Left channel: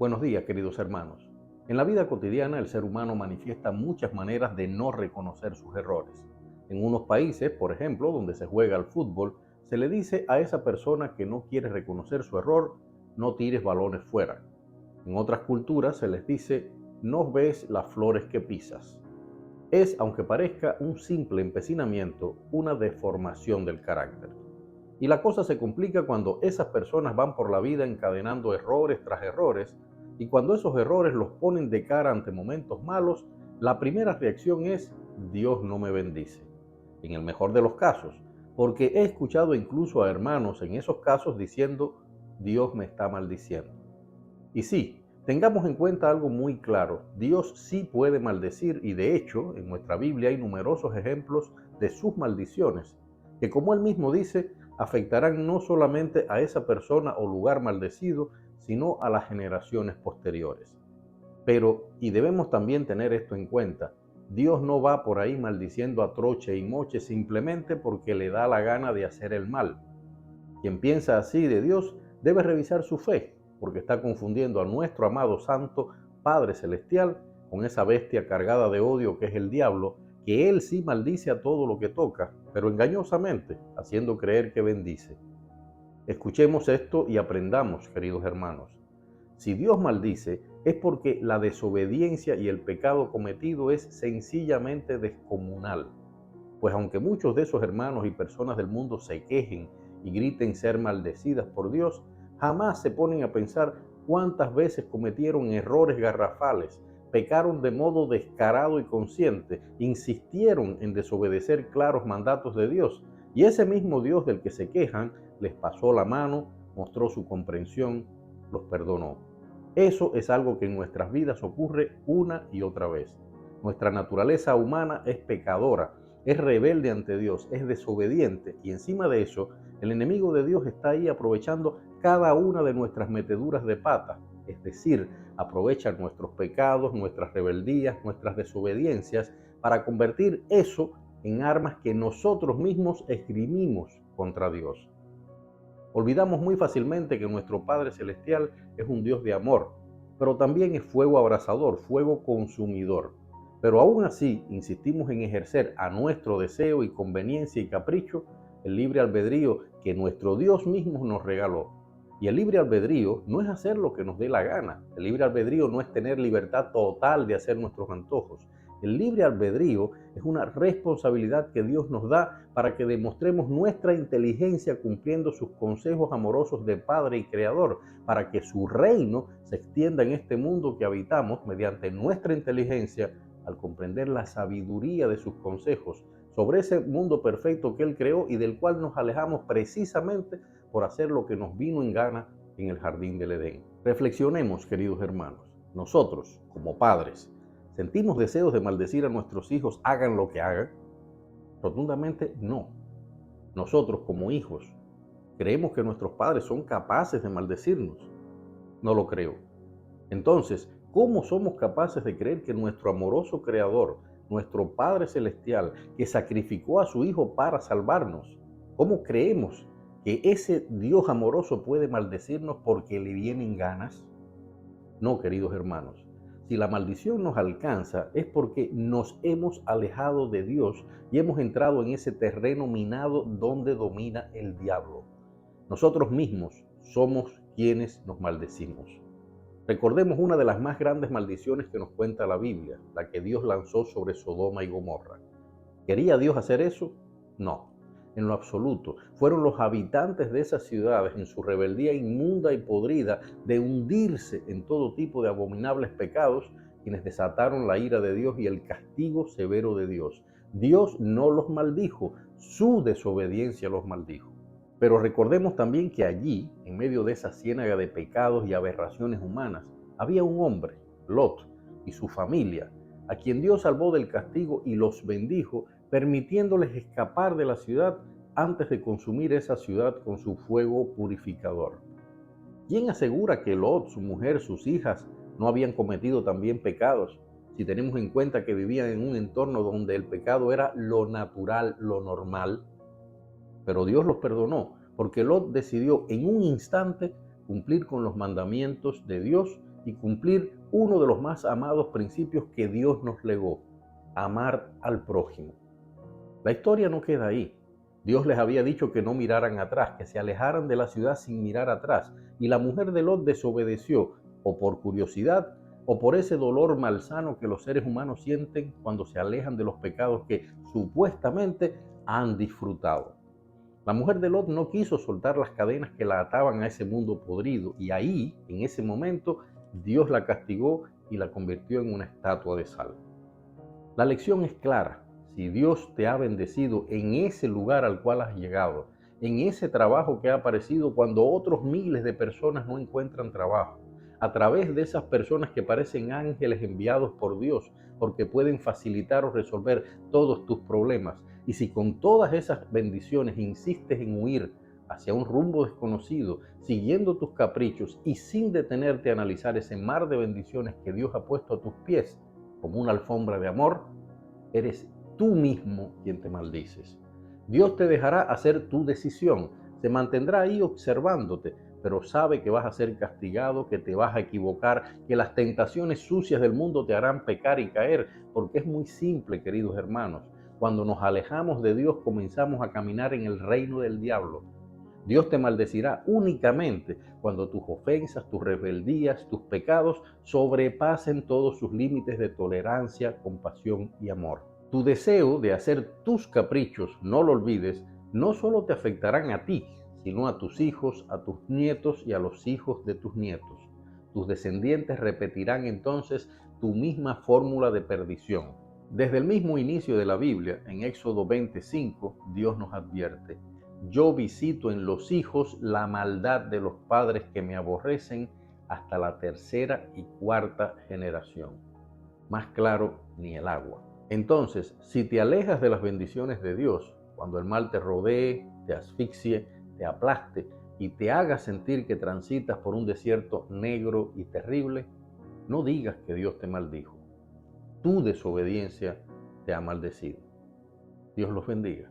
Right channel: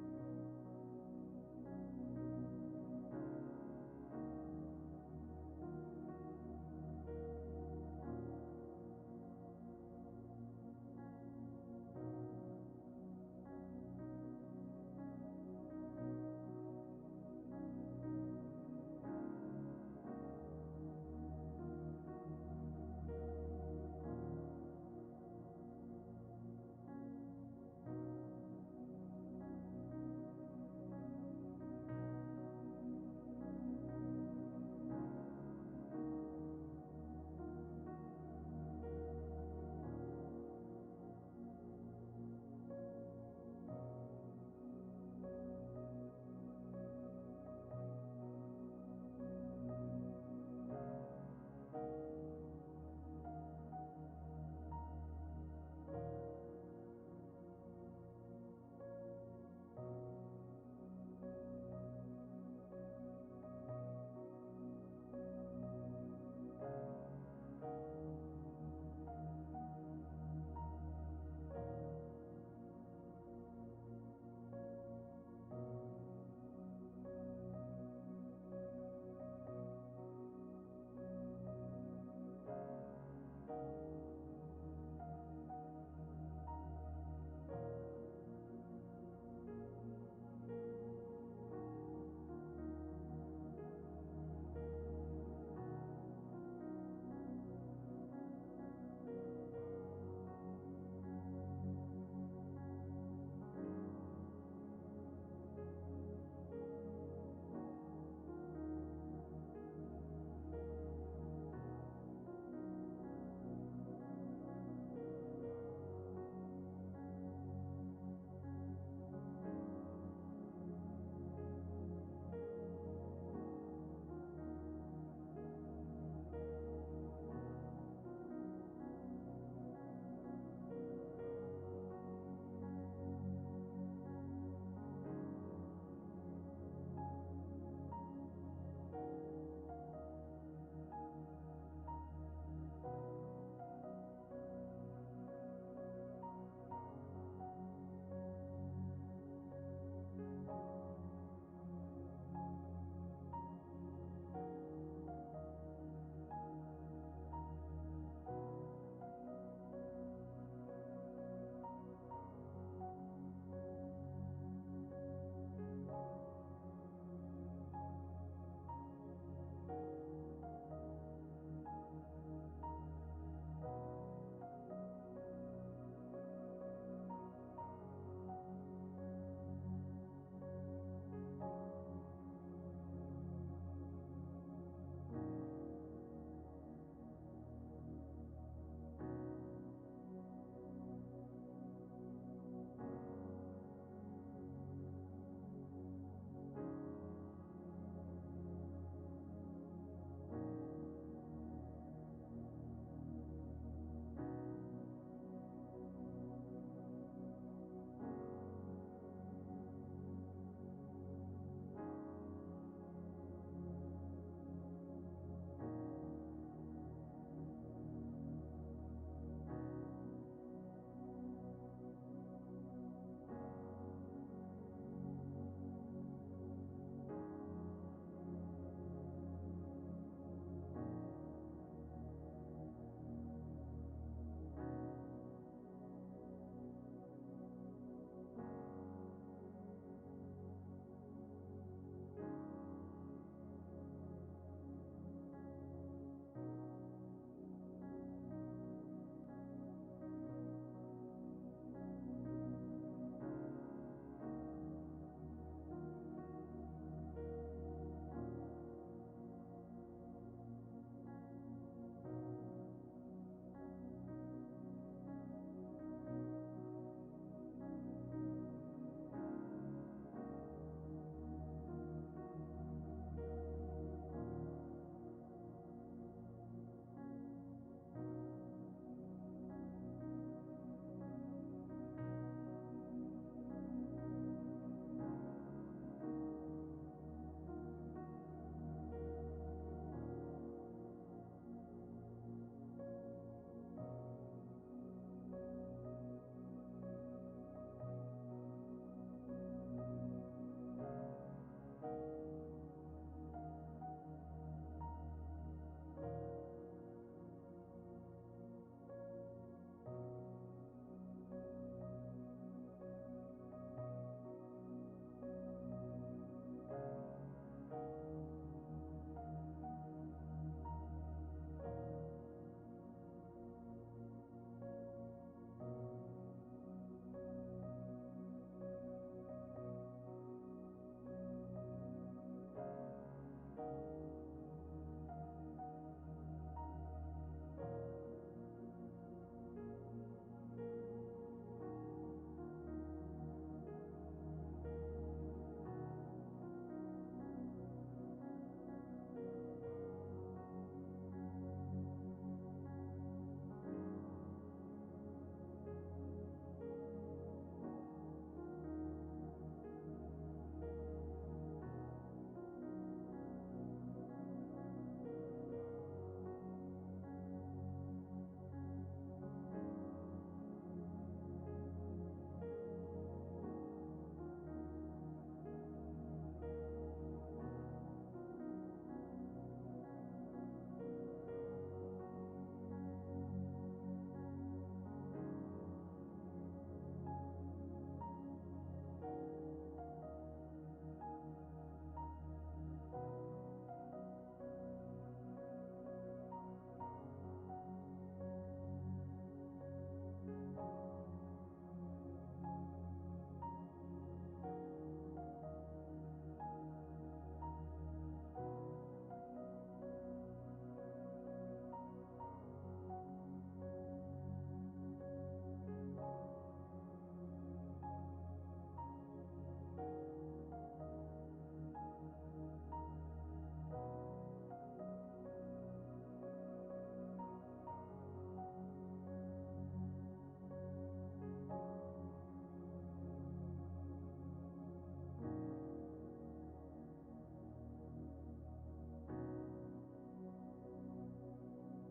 Buenos días, queridos hermanos. En la vida cotidiana, el ser humano manifiesta muchas maneras de no reconocer sus errores. En unos países, por ejemplo, donde se juega al fútbol, se le dice a esa persona que no quiere reconocer su error: no tires balones fuera. En otras culturas se les dice: no ves las flores que pisas. Es, aunque parezca un simple empecinamiento, una deformación del carácter. Y la cosa se complica cuando esas personas van por la vida encadenando errores tras errores, y cuando esos errores los ponen de cara ante momentos malos, la primera reacción es: Dios no me bendice. En el mejor de los casos, porque he escuchado incluso a hermanos en esos casos diciendo: Dios me está maldiciendo. Y sí, tengamos en cuenta algo muy claro: Dios sí puede maldecir, y de hecho en nuestra Biblia hay numerosos ejemplos de sus maldiciones, que, como él mismo dice, afectarán no solamente a esa persona o lugar maldecido, sino a las generaciones posteriores. Pero, y debemos también tener esto en cuenta, Dios no va por ahí maldiciendo a troche y moche simplemente porque le da la gana de hacer el mal. Quien piensa así de Dios debe revisar su fe, porque está confundiendo a nuestro amado Santo Padre Celestial con esa bestia cargada de odio que es el diablo, que él sí maldice a todo lo que toca, pero engañosamente, haciendo creer que bendice. Escuchemos esto y aprendamos, queridos hermanos. Si Dios maldice, es porque la desobediencia y el pecado cometido es sencillamente descomunal. Pues aunque muchos de esos hermanos y personas del mundo se quejen y griten ser maldecidas por Dios, jamás se ponen a pensar cuántas veces cometieron errores garrafales, pecaron de modo descarado y consciente, insistieron en desobedecer claros mandatos de Dios, y ese mismo Dios del que se quejan les pasó la mano, mostró su comprensión, los perdonó. Eso es algo que en nuestras vidas ocurre una y otra vez. Nuestra naturaleza humana es pecadora, es rebelde ante Dios, es desobediente, y encima de eso, el enemigo de Dios está ahí aprovechando cada una de nuestras meteduras de pata, es decir, aprovecha nuestros pecados, nuestras rebeldías, nuestras desobediencias, para convertir eso en armas que nosotros mismos esgrimimos contra Dios. Olvidamos muy fácilmente que nuestro Padre Celestial es un Dios de amor, pero también es fuego abrasador, fuego consumidor. Pero aún así insistimos en ejercer a nuestro deseo y conveniencia y capricho el libre albedrío que nuestro Dios mismo nos regaló. Y el libre albedrío no es hacer lo que nos dé la gana. El libre albedrío no es tener libertad total de hacer nuestros antojos. El libre albedrío es una responsabilidad que Dios nos da para que demostremos nuestra inteligencia cumpliendo sus consejos amorosos de Padre y Creador, para que su reino se extienda en este mundo que habitamos mediante nuestra inteligencia, al comprender la sabiduría de sus consejos sobre ese mundo perfecto que Él creó y del cual nos alejamos precisamente por hacer lo que nos vino en gana en el jardín del Edén. Reflexionemos, queridos hermanos. Nosotros, como padres, ¿sentimos deseos de maldecir a nuestros hijos hagan lo que hagan? Rotundamente no. Nosotros, como hijos, ¿creemos que nuestros padres son capaces de maldecirnos? No lo creo. Entonces, ¿cómo somos capaces de creer que nuestro amoroso Creador, nuestro Padre Celestial, que sacrificó a su Hijo para salvarnos, cómo creemos que ese Dios amoroso puede maldecirnos porque le vienen ganas? No, queridos hermanos. Si la maldición nos alcanza es porque nos hemos alejado de Dios y hemos entrado en ese terreno minado donde domina el diablo. Nosotros mismos somos quienes nos maldecimos. Recordemos una de las más grandes maldiciones que nos cuenta la Biblia, la que Dios lanzó sobre Sodoma y Gomorra. ¿Quería Dios hacer eso? No, en lo absoluto. Fueron los habitantes de esas ciudades, en su rebeldía inmunda y podrida de hundirse en todo tipo de abominables pecados, quienes desataron la ira de Dios y el castigo severo de Dios. Dios no los maldijo, su desobediencia los maldijo. Pero recordemos también que allí, en medio de esa ciénaga de pecados y aberraciones humanas, había un hombre, Lot, y su familia, a quien Dios salvó del castigo y los bendijo, permitiéndoles escapar de la ciudad antes de consumir esa ciudad con su fuego purificador. ¿Quién asegura que Lot, su mujer, sus hijas no habían cometido también pecados, si tenemos en cuenta que vivían en un entorno donde el pecado era lo natural, lo normal? Pero Dios los perdonó, porque Lot decidió en un instante cumplir con los mandamientos de Dios y cumplir uno de los más amados principios que Dios nos legó: amar al prójimo. La historia no queda ahí. Dios les había dicho que no miraran atrás, que se alejaran de la ciudad sin mirar atrás, y la mujer de Lot desobedeció, o por curiosidad, o por ese dolor malsano que los seres humanos sienten cuando se alejan de los pecados que supuestamente han disfrutado. La mujer de Lot no quiso soltar las cadenas que la ataban a ese mundo podrido, y ahí, en ese momento, Dios la castigó y la convirtió en una estatua de sal. La lección es clara. Si Dios te ha bendecido en ese lugar al cual has llegado, en ese trabajo que ha aparecido cuando otros miles de personas no encuentran trabajo, a través de esas personas que parecen ángeles enviados por Dios, porque pueden facilitar o resolver todos tus problemas, y si con todas esas bendiciones insistes en huir hacia un rumbo desconocido, siguiendo tus caprichos y sin detenerte a analizar ese mar de bendiciones que Dios ha puesto a tus pies como una alfombra de amor, eres tú mismo quien te maldices. Dios te dejará hacer tu decisión, se mantendrá ahí observándote, pero sabe que vas a ser castigado, que te vas a equivocar, que las tentaciones sucias del mundo te harán pecar y caer, porque es muy simple, queridos hermanos. Cuando nos alejamos de Dios, comenzamos a caminar en el reino del diablo. Dios te maldecirá únicamente cuando tus ofensas, tus rebeldías, tus pecados sobrepasen todos sus límites de tolerancia, compasión y amor. Tu deseo de hacer tus caprichos, no lo olvides, no solo te afectarán a ti, sino a tus hijos, a tus nietos y a los hijos de tus nietos. Tus descendientes repetirán entonces tu misma fórmula de perdición. Desde el mismo inicio de la Biblia, en Éxodo 25, Dios nos advierte: yo visito en los hijos la maldad de los padres que me aborrecen hasta la tercera y cuarta generación. Más claro ni el agua. Entonces, si te alejas de las bendiciones de Dios, cuando el mal te rodee, te asfixie, te aplaste y te haga sentir que transitas por un desierto negro y terrible, no digas que Dios te maldijo. Tu desobediencia te ha maldecido. Dios los bendiga.